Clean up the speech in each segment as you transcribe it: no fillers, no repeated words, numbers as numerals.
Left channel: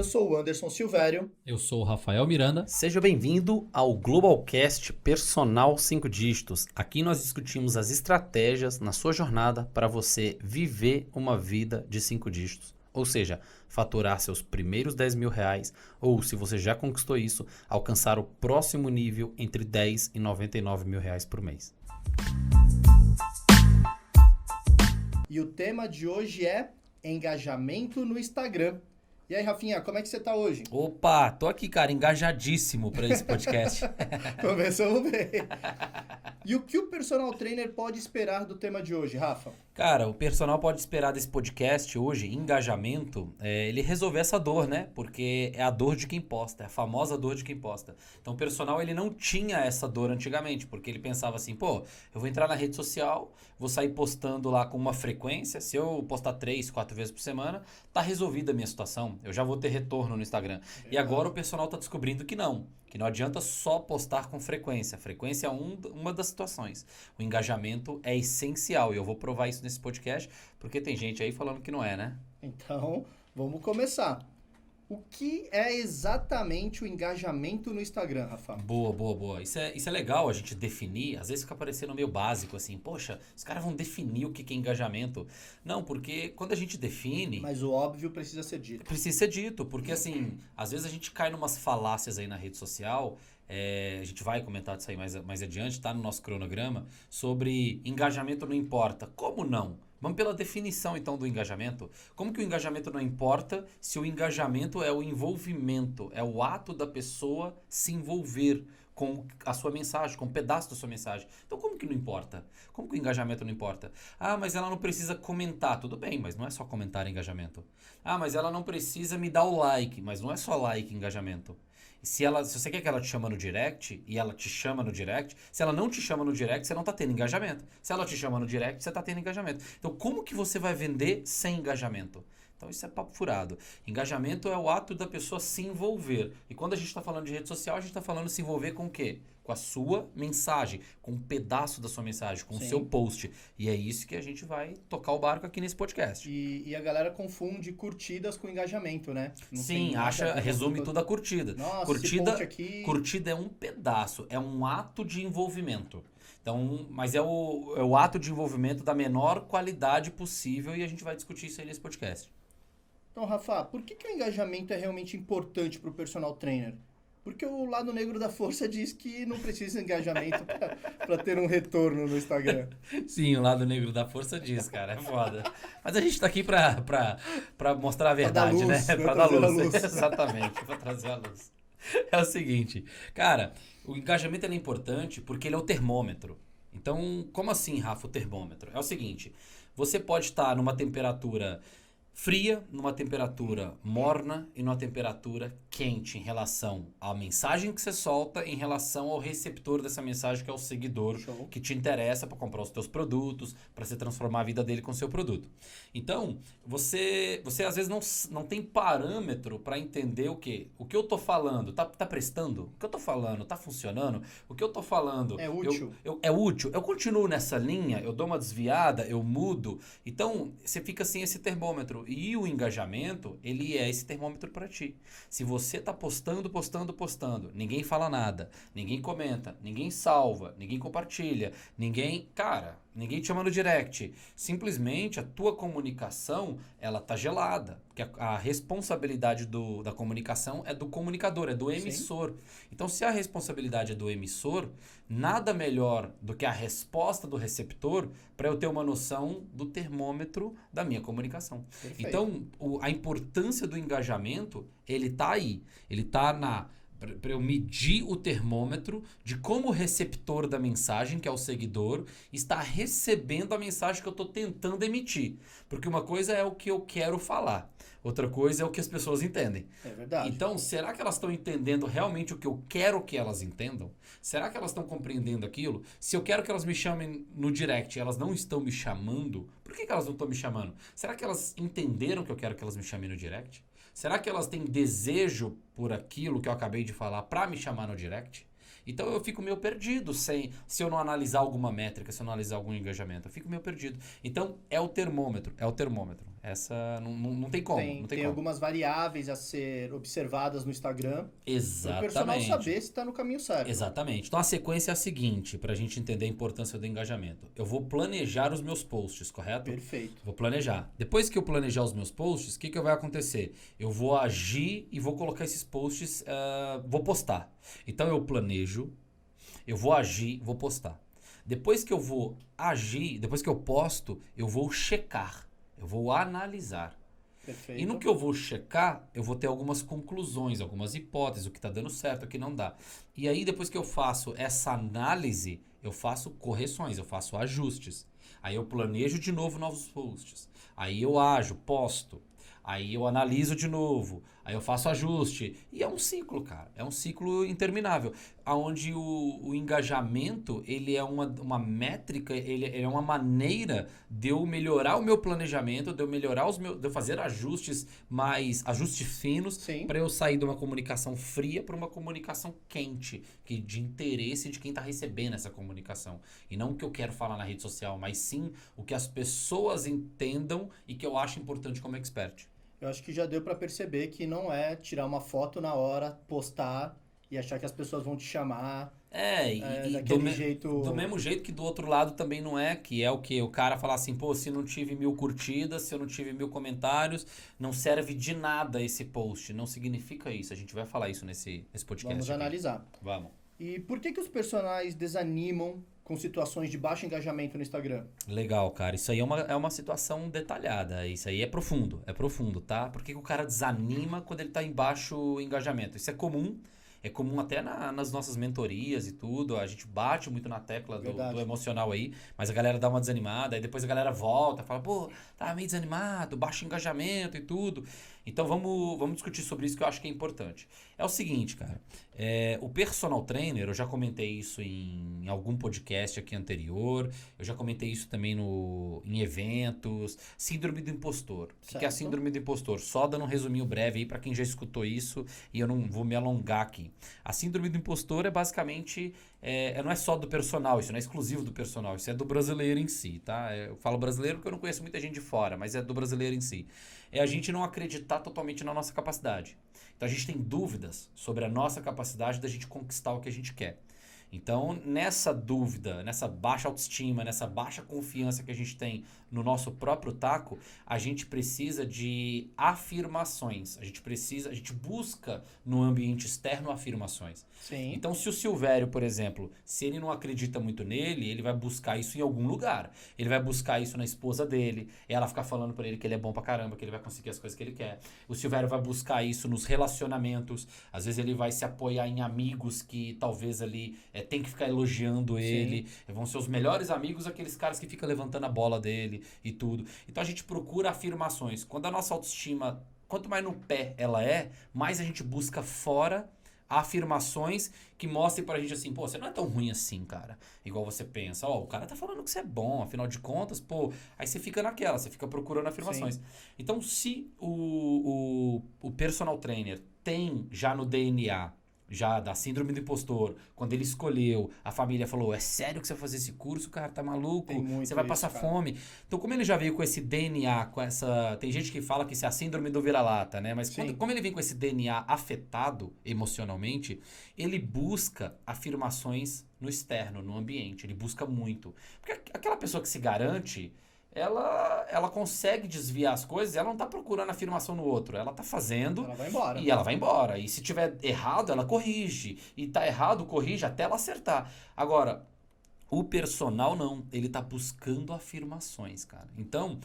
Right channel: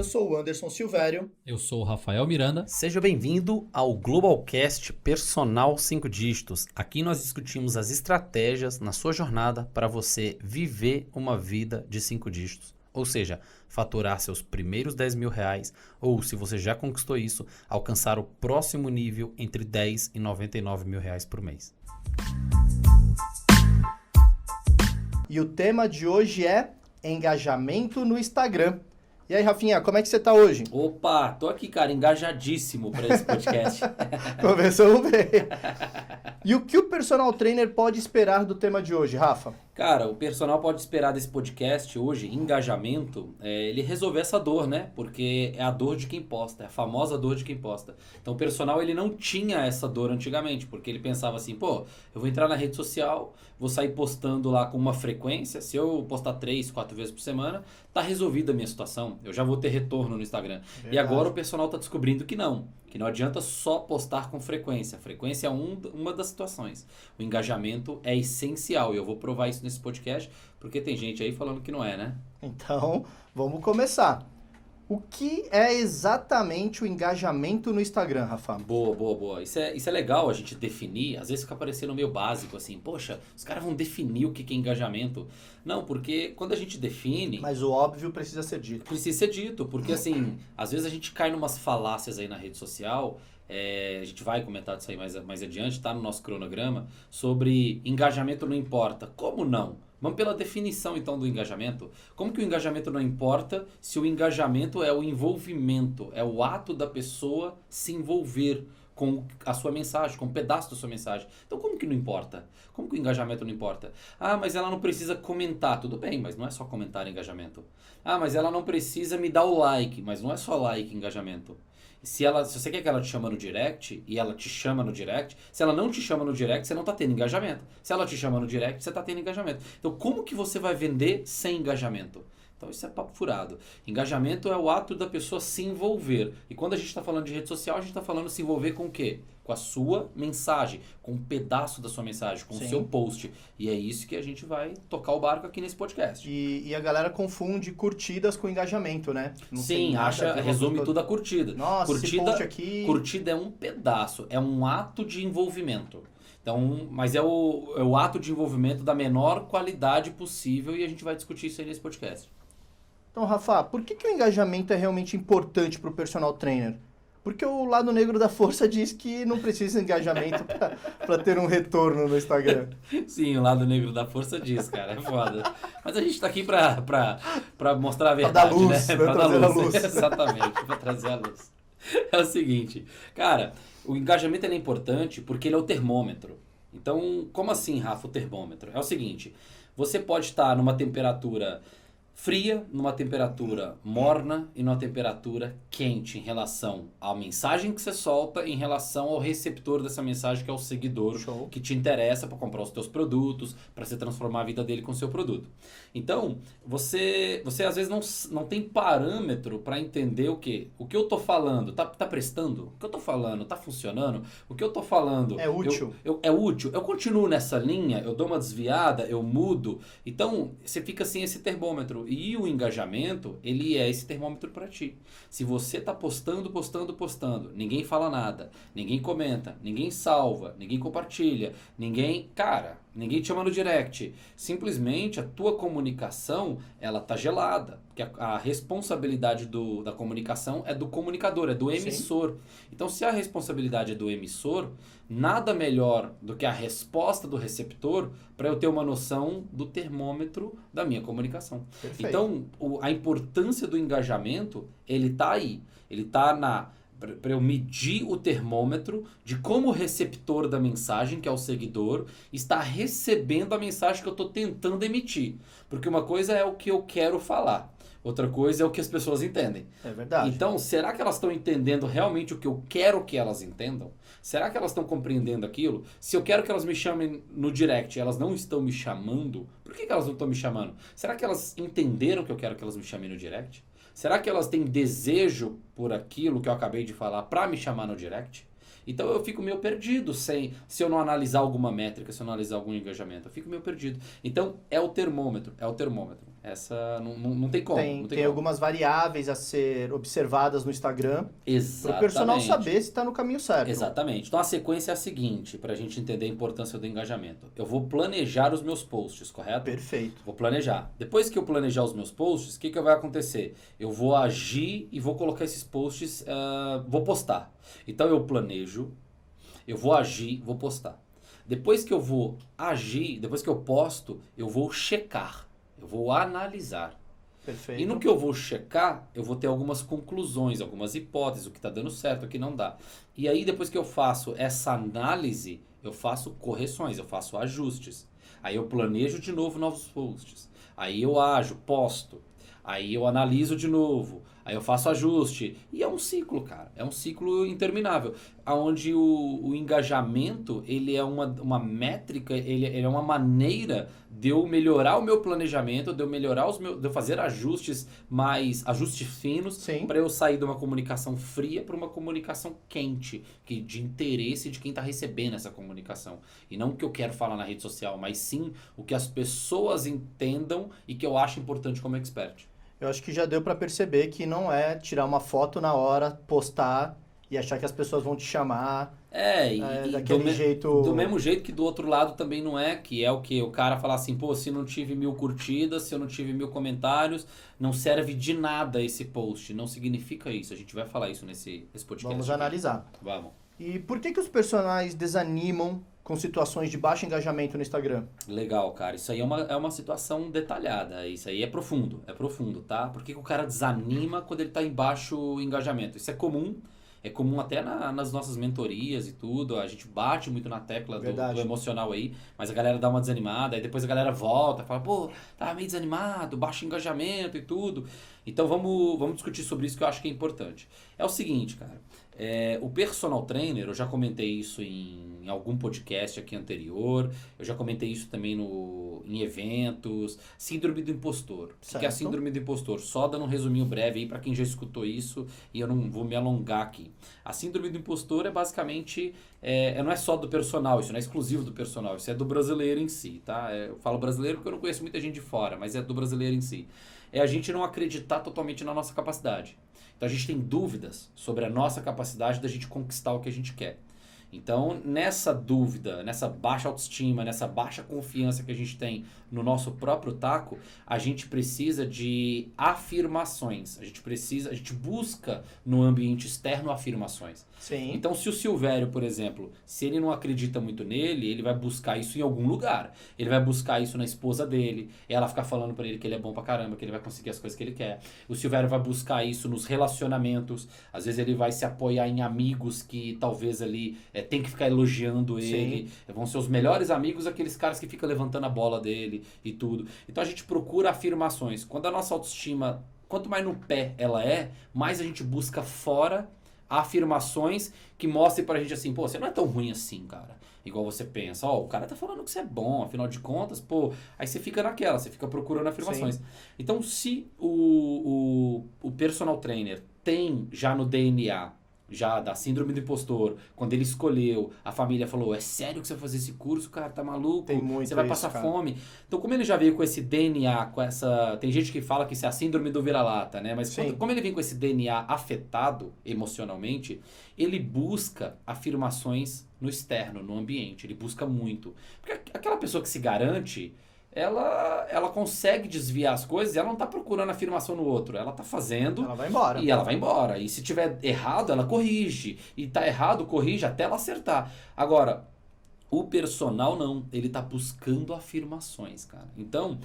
Eu sou o Anderson Silvério. Eu sou o Rafael Miranda. Seja bem-vindo ao Globalcast Personal 5 Dígitos. Aqui nós discutimos as estratégias na sua jornada para você viver uma vida de 5 dígitos. Ou seja, faturar seus primeiros 10 mil reais ou, se você já conquistou isso, alcançar o próximo nível entre 10 e 99 mil reais por mês. E o tema de hoje é engajamento no Instagram. E aí, Rafinha, como é que você tá hoje? Opa, tô aqui, cara, engajadíssimo para esse podcast. Começamos bem. E o que o personal trainer pode esperar do tema de hoje, Rafa? Cara, o personal pode esperar desse podcast hoje, engajamento, ele resolver essa dor, né? Porque é a dor de quem posta, é a famosa dor de quem posta. Então o personal, ele não tinha essa dor antigamente, porque ele pensava assim, pô, eu vou entrar na rede social, vou sair postando lá com uma frequência, se eu postar 3, 4 vezes por semana, tá resolvida a minha situação, eu já vou ter retorno no Instagram. Verdade. E agora o personal tá descobrindo que não adianta só postar com frequência. A frequência é uma das situações. O engajamento é essencial e eu vou provar isso nesse podcast, porque tem gente aí falando que não é, né? Então, vamos começar. O que é exatamente o engajamento no Instagram, Rafa? Boa. Isso é legal a gente definir. Às vezes fica parecendo meio básico, assim. Poxa, os caras vão definir o que é engajamento. Não, porque quando a gente define... Mas o óbvio precisa ser dito. Precisa ser dito, porque assim, às vezes a gente cai numas falácias aí na rede social... a gente vai comentar disso aí mais adiante, está no nosso cronograma, sobre engajamento não importa. Como não? Vamos pela definição, então, do engajamento. Como que o engajamento não importa se o engajamento é o envolvimento, é o ato da pessoa se envolver com a sua mensagem, com um pedaço da sua mensagem. Então, como que não importa? Como que o engajamento não importa? Ah, mas ela não precisa comentar. Tudo bem, mas não é só comentar engajamento. Ah, mas ela não precisa me dar o like. Mas não é só like engajamento. Se você quer que ela te chama no direct, e ela te chama no direct, se ela não te chama no direct, você não tá tendo engajamento. Se ela te chama no direct, você tá tendo engajamento. Então, como que você vai vender sem engajamento? Então, isso é papo furado. Engajamento é o ato da pessoa se envolver. E quando a gente está falando de rede social, a gente está falando se envolver com o quê? Com a sua mensagem, com um pedaço da sua mensagem, com o seu post. E é isso que a gente vai tocar o barco aqui nesse podcast. E a galera confunde curtidas com engajamento, né? Sim, resume tudo a curtida. Nossa, curtida é um pedaço, é um ato de envolvimento. Então, mas é o ato de envolvimento da menor qualidade possível e a gente vai discutir isso aí nesse podcast. Então, Rafa, por que o engajamento é realmente importante para o personal trainer? Porque o lado negro da força diz que não precisa de engajamento para ter um retorno no Instagram. Sim, o lado negro da força diz, cara, é foda. Mas a gente tá aqui pra mostrar a verdade, né? Pra dar luz. Exatamente, pra trazer a luz. É o seguinte, cara, o engajamento é importante porque ele é o termômetro. Então, como assim, Rafa, o termômetro? É o seguinte, você pode estar numa temperatura fria, numa temperatura morna e numa temperatura quente em relação à mensagem que você solta, em relação ao receptor dessa mensagem, que é o seguidor. Show. Que te interessa para comprar os teus produtos, para você transformar a vida dele com o seu produto. Então, você às vezes não tem parâmetro para entender o quê? O que eu tô falando tá prestando? O que eu tô falando tá funcionando? O que eu tô falando é útil? É útil? Eu continuo nessa linha? Eu dou uma desviada? Eu mudo? Então, você fica sem esse termômetro. E o engajamento, ele é esse termômetro para ti. Se você tá postando, ninguém fala nada, ninguém comenta, ninguém salva, ninguém compartilha, ninguém te chama no direct. Simplesmente a tua comunicação, ela tá gelada. Porque a responsabilidade da comunicação é do comunicador, é do emissor. Sim. Então, se a responsabilidade é do emissor, nada melhor do que a resposta do receptor para eu ter uma noção do termômetro da minha comunicação. Perfeito. Então, a importância do engajamento, ele tá aí. Ele tá para eu medir o termômetro de como o receptor da mensagem, que é o seguidor, está recebendo a mensagem que eu estou tentando emitir. Porque uma coisa é o que eu quero falar, outra coisa é o que as pessoas entendem. É verdade. Então, será que elas estão entendendo realmente o que eu quero que elas entendam? Será que elas estão compreendendo aquilo? Se eu quero que elas me chamem no direct e elas não estão me chamando, por que elas não estão me chamando? Será que elas entenderam que eu quero que elas me chamem no direct? Será que elas têm desejo por aquilo que eu acabei de falar para me chamar no direct? Então eu fico meio perdido se eu não analisar alguma métrica, se eu não analisar algum engajamento. Eu fico meio perdido. Então é o termômetro. Essa não tem como. Tem, não tem como. algumas variáveis a ser observadas no Instagram para o Exatamente. personal saber se está no caminho certo. Exatamente. Então a sequência é a seguinte, para a gente entender a importância do engajamento. Eu vou planejar os meus posts, correto? Perfeito. Vou planejar. Depois que eu planejar os meus posts, o que vai acontecer? Eu vou agir e vou colocar esses posts, vou postar. Então eu planejo, eu vou agir, vou postar. Depois que eu vou agir, depois que eu posto, eu vou checar, eu vou analisar. Perfeito. E no que eu vou checar, eu vou ter algumas conclusões, algumas hipóteses, o que está dando certo, o que não dá. E aí, depois que eu faço essa análise, eu faço correções, eu faço ajustes. Aí eu planejo de novo novos posts. Aí eu ajo, posto. Aí eu analiso de novo. Aí eu faço ajuste. E é um ciclo, cara. É um ciclo interminável. Onde o engajamento, ele é uma métrica, ele é uma maneira de eu melhorar o meu planejamento, de eu melhorar de eu fazer ajustes finos, para eu sair de uma comunicação fria para uma comunicação quente, de interesse de quem está recebendo essa comunicação. E não o que eu quero falar na rede social, mas sim o que as pessoas entendam e que eu acho importante como expert. Eu acho que já deu para perceber que não é tirar uma foto na hora, postar e achar que as pessoas vão te chamar. Daquele jeito. Do mesmo jeito que do outro lado também não é, que é o que? O cara falar assim, pô, se não tive 1000 curtidas, se eu não tive 1000 comentários, não serve de nada esse post. Não significa isso. A gente vai falar isso nesse podcast. Vamos analisar. Vamos. E por que os personagens desanimam com situações de baixo engajamento no Instagram? Legal, cara. Isso aí é uma situação detalhada. Isso aí é profundo, tá? Por que o cara desanima quando ele tá em baixo engajamento? Isso é comum. É comum até nas nossas mentorias e tudo, a gente bate muito na tecla do emocional aí, mas a galera dá uma desanimada, aí depois a galera volta, fala, pô, tá meio desanimado, baixo engajamento e tudo. Então vamos discutir sobre isso que eu acho que é importante. É o seguinte, cara, o personal trainer, eu já comentei isso em algum podcast aqui anterior, eu já comentei isso também em eventos, síndrome do impostor. O que é a síndrome do impostor? Só dando um resuminho breve aí para quem já escutou isso e eu não vou me alongar aqui. A síndrome do impostor é basicamente, não é só do personal, isso não é exclusivo do personal, isso é do brasileiro em si, tá? Eu falo brasileiro porque eu não conheço muita gente de fora, mas é do brasileiro em si. É a gente não acreditar totalmente na nossa capacidade. Então a gente tem dúvidas sobre a nossa capacidade da gente conquistar o que a gente quer. Então, nessa dúvida, nessa baixa autoestima, nessa baixa confiança que a gente tem no nosso próprio taco, a gente precisa de afirmações. A gente busca no ambiente externo afirmações. Sim. Então, se o Silvério, por exemplo, se ele não acredita muito nele, ele vai buscar isso em algum lugar. Ele vai buscar isso na esposa dele, ela ficar falando pra ele que ele é bom pra caramba, que ele vai conseguir as coisas que ele quer. O Silvério vai buscar isso nos relacionamentos. Às vezes ele vai se apoiar em amigos que talvez ali tem que ficar elogiando ele. Sim. Vão ser os melhores amigos, aqueles caras que ficam levantando a bola dele e tudo. Então a gente procura afirmações. Quando a nossa autoestima, quanto mais no pé ela mais a gente busca fora afirmações que mostrem pra gente assim, pô, você não é tão ruim assim, cara. Igual você pensa, o cara tá falando que você é bom, afinal de contas, pô, aí você fica naquela, você fica procurando afirmações. Sim. Então, se o personal trainer tem já no DNA já da síndrome do impostor, quando ele escolheu, a família falou, é sério que você vai fazer esse curso, cara, tá maluco? Você vai passar fome. Então, como ele já veio com esse DNA, com essa... Tem gente que fala que isso é a síndrome do vira-lata, né? Mas como ele vem com esse DNA afetado emocionalmente, ele busca afirmações no externo, no ambiente, ele busca muito. Porque aquela pessoa que se garante... Ela consegue desviar as coisas e ela não tá procurando afirmação no outro. Ela tá fazendo ela vai embora. E ela vai embora. E se tiver errado, ela corrige. E tá errado, corrige até ela acertar. Agora, o personal não. Ele tá buscando afirmações, cara. Então,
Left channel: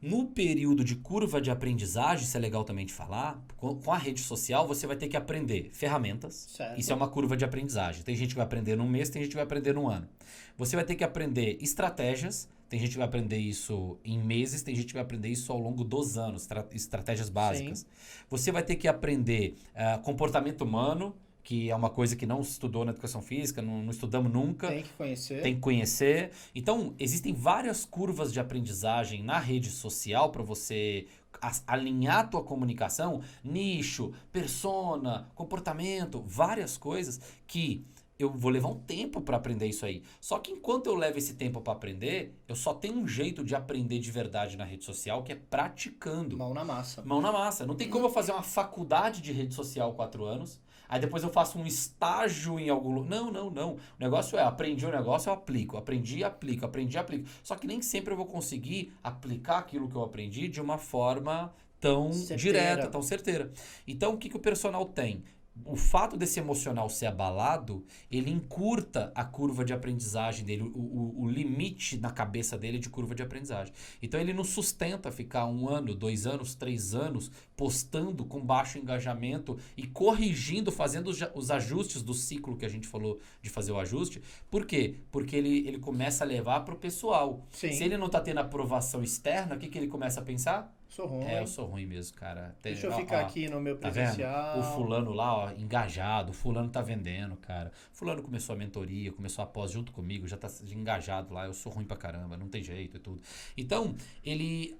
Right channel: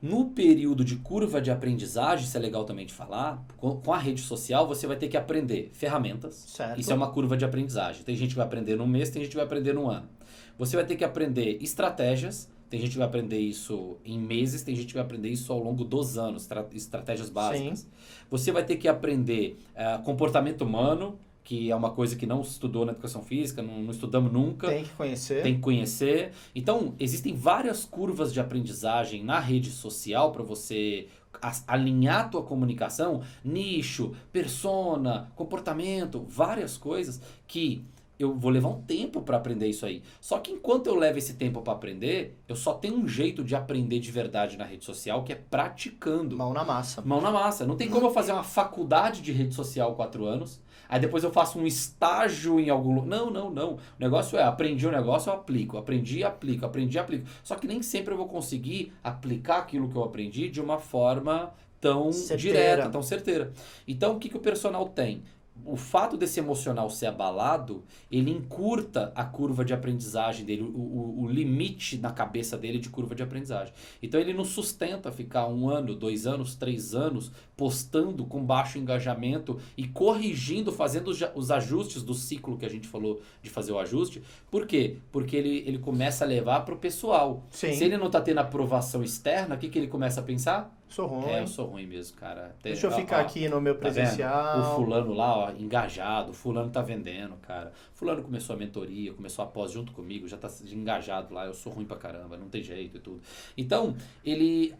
no período de curva de aprendizagem, isso é legal também de falar, com a rede social você vai ter que aprender ferramentas. Certo. Isso é uma curva de aprendizagem. Tem gente que vai aprender num mês, tem gente que vai aprender num ano. Você vai ter que aprender estratégias. Tem gente que vai aprender isso em meses, tem gente que vai aprender isso ao longo dos anos, estratégias básicas. Sim. Você vai ter que aprender comportamento humano, que é uma coisa que não estudou na educação física, não estudamos nunca. Tem que conhecer. Tem que conhecer. Então, existem várias curvas de aprendizagem na rede social para você alinhar a tua comunicação, nicho, persona, comportamento, várias coisas que eu vou levar um tempo para aprender isso aí. Só que enquanto eu levo esse tempo para aprender, eu só tenho um jeito de aprender de verdade na rede social, que é praticando. Mão na massa. Mão na massa. Não tem como eu fazer uma faculdade de rede social 4 anos, aí depois eu faço um estágio em algum lugar. Não. O negócio é, aprendi o negócio, eu aplico. Aprendi, aplico. Só que nem sempre eu vou conseguir aplicar aquilo que eu aprendi de uma forma tão direta, tão certeira. Então, o que o personal tem? O fato desse emocional ser abalado, ele encurta a curva de aprendizagem dele, o limite na cabeça dele de curva de aprendizagem. Então ele não sustenta ficar 1 ano, 2 anos, 3 anos postando com baixo engajamento e corrigindo, fazendo os ajustes do ciclo que a gente falou de fazer o ajuste. Por quê? Porque ele começa a levar para o pessoal. Sim. Se ele não está tendo aprovação externa, o que ele começa a pensar? Sou ruim. Eu sou ruim mesmo, cara. Deixa eu ficar aqui no meu presencial. O fulano lá, ó, engajado, o fulano tá vendendo, cara. Fulano começou a mentoria, começou a pós junto comigo, já tá engajado lá, eu sou ruim pra caramba, não tem jeito e tudo. Então,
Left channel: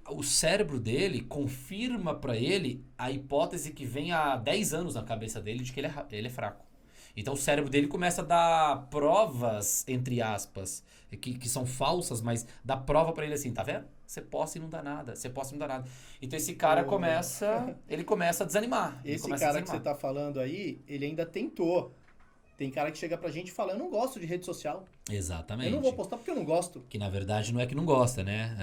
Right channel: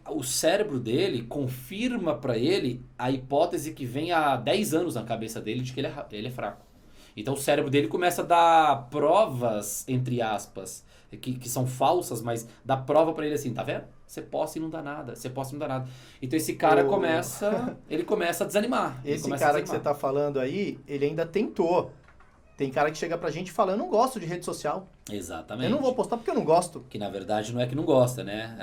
o cérebro dele confirma pra ele a hipótese que vem há 10 anos na cabeça dele de que ele é fraco. Então o cérebro dele começa a dar provas, entre aspas, que são falsas, mas dá prova pra ele assim, tá vendo? Você posta e não dá nada, Então esse cara começa a desanimar. Esse cara que você tá falando aí, ele ainda tentou. Tem cara que chega pra gente e fala, eu não gosto de rede social. Exatamente. Eu não vou postar porque eu não gosto. Que na verdade não é que não gosta, né?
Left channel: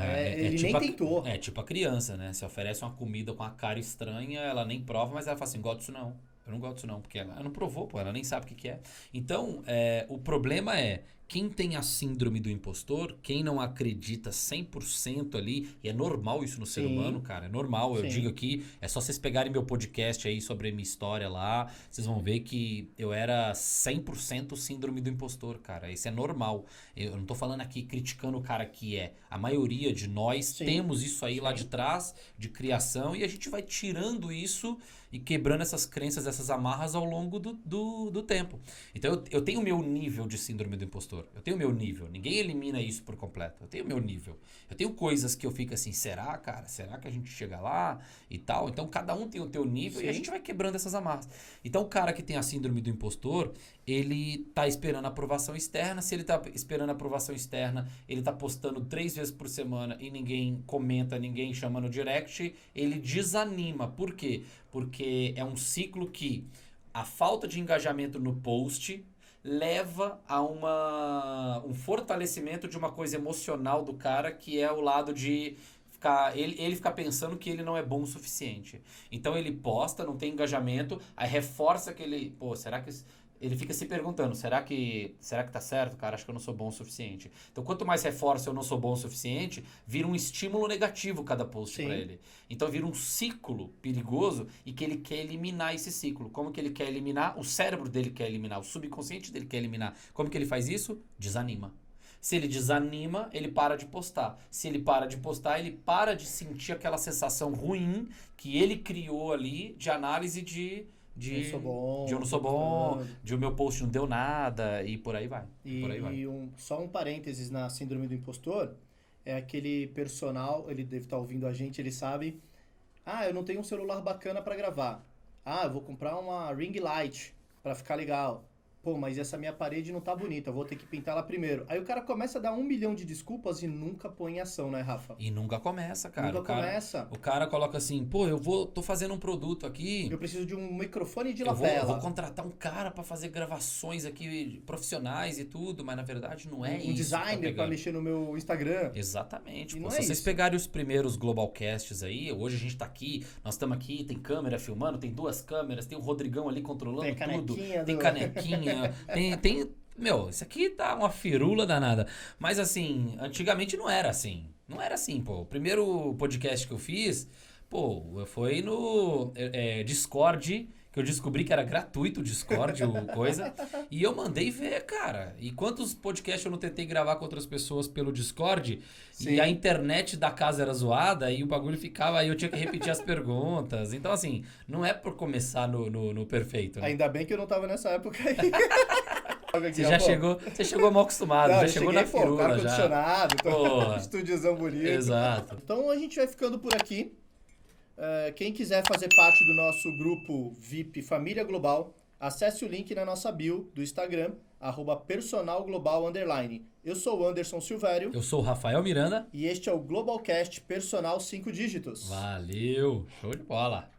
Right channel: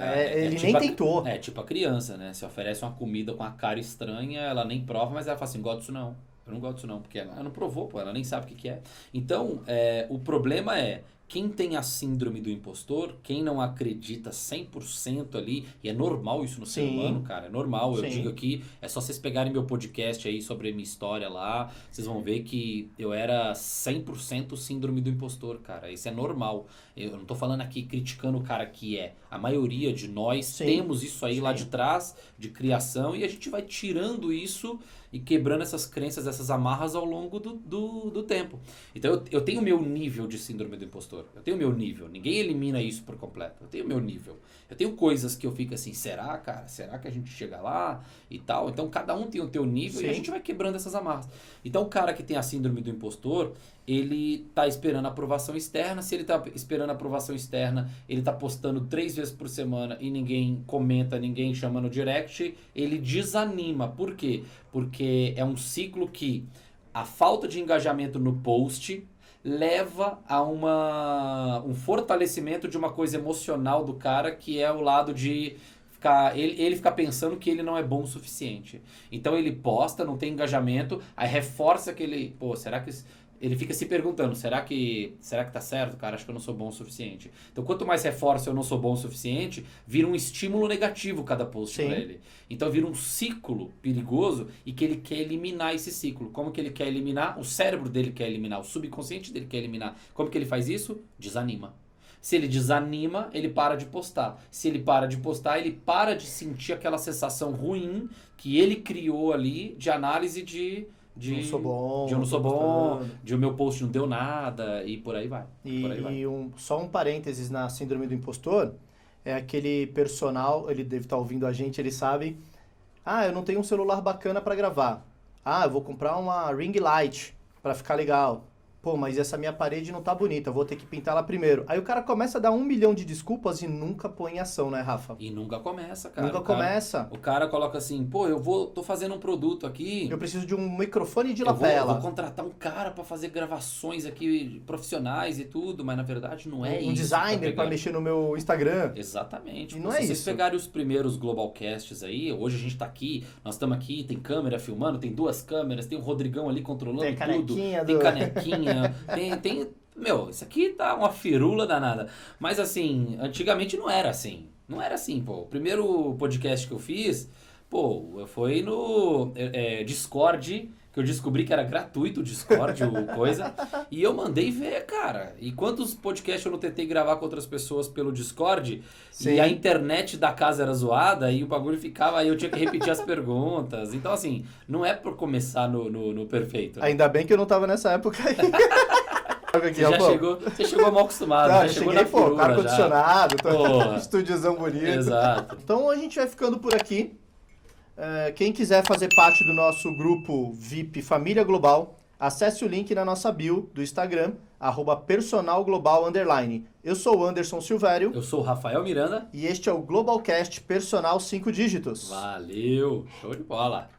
Ele tipo nem tentou. É tipo a criança, né? Se oferece uma comida com a cara estranha, ela nem prova, mas ela fala assim, gosto disso não. Eu não gosto disso não, porque ela não provou, pô, ela nem sabe o que é. Então, o problema é, quem tem a síndrome do impostor, quem não acredita 100% ali, e é normal isso no ser humano, cara, é normal, eu digo aqui, é só vocês pegarem meu podcast aí sobre a minha história lá, vocês vão ver que eu era 100% síndrome do impostor, cara, isso é normal. Eu não tô falando aqui criticando o cara que é, a maioria de nós temos isso aí lá de trás, de criação, e a gente vai tirando isso e quebrando essas crenças, essas amarras ao longo do tempo. Então eu tenho o meu nível de síndrome do impostor. Eu tenho o meu nível. Ninguém elimina isso por completo. Eu tenho o meu nível. Eu tenho coisas que eu fico assim, será, cara? Será que a gente chega lá e tal? Então cada um tem o teu nível e a gente vai quebrando essas amarras. Então o cara que tem a síndrome do impostor, ele tá esperando a aprovação externa. Se ele tá esperando a aprovação externa, ele tá postando 3 vezes por semana e ninguém comenta, ninguém chama no direct, ele desanima. Por quê? Porque é um ciclo que a falta de engajamento no post leva a um fortalecimento de uma coisa emocional do cara, que é o lado de ele ficar pensando que ele não é bom o suficiente. Então ele posta, não tem engajamento, aí reforça que ele, será que ele fica se perguntando, será que tá certo, cara? Acho que eu não sou bom o suficiente. Então, quanto mais reforça eu não sou bom o suficiente, vira um estímulo negativo cada post pra ele. Então, vira um ciclo perigoso e que ele quer eliminar esse ciclo. Como que ele quer eliminar? O cérebro dele quer eliminar, o subconsciente dele quer eliminar. Como que ele faz isso? Desanima. Se ele desanima, ele para de postar. Se ele para de postar, ele para de sentir aquela sensação ruim que ele criou ali de análise de eu não sou bom, de o meu post não deu nada e por aí vai. Só um parênteses na síndrome do impostor, é aquele personal, ele deve estar ouvindo a gente, ele sabe, eu não tenho um celular bacana para gravar. Eu vou comprar uma ring light para ficar legal. Pô, mas essa minha parede não tá bonita, vou ter que pintar lá primeiro. Aí o cara começa a dar 1 milhão de desculpas e nunca põe em ação, né, Rafa? E nunca começa, cara. O cara coloca assim, tô fazendo um produto aqui. Eu preciso de um microfone de lapela. Eu vou contratar um cara pra fazer gravações aqui profissionais e tudo, mas na verdade não é isso. Um designer pra mexer no meu Instagram. Exatamente. Se vocês pegarem os primeiros Globalcasts aí, hoje a gente tá aqui, nós estamos aqui, tem câmera filmando, tem 2 câmeras, tem o Rodrigão ali controlando tudo. Tem canequinha. Isso aqui tá uma firula danada. Mas assim, antigamente não era assim. Não era assim, pô. O primeiro podcast que eu fiz, foi no Discord, que eu descobri que era gratuito o Discord, coisa. E eu mandei ver, cara. E quantos podcasts eu não tentei gravar com outras pessoas pelo Discord? Sim. E a internet da casa era zoada e o bagulho ficava... Aí eu tinha que repetir as perguntas. Então, assim, não é por começar no perfeito. Né? Ainda bem que eu não tava nessa época aí. Você chegou mal acostumado, já chegou na firula, ar-condicionado, estúdiozão bonito. Exato. Então a gente vai ficando por aqui. Quem quiser fazer parte do nosso grupo VIP Família Global, Acesse o link na nossa bio do Instagram, @personalglobal_. Eu sou o Anderson Silvério. Eu sou o Rafael Miranda. E este é o Globalcast Personal 5 Dígitos. Valeu, show de bola.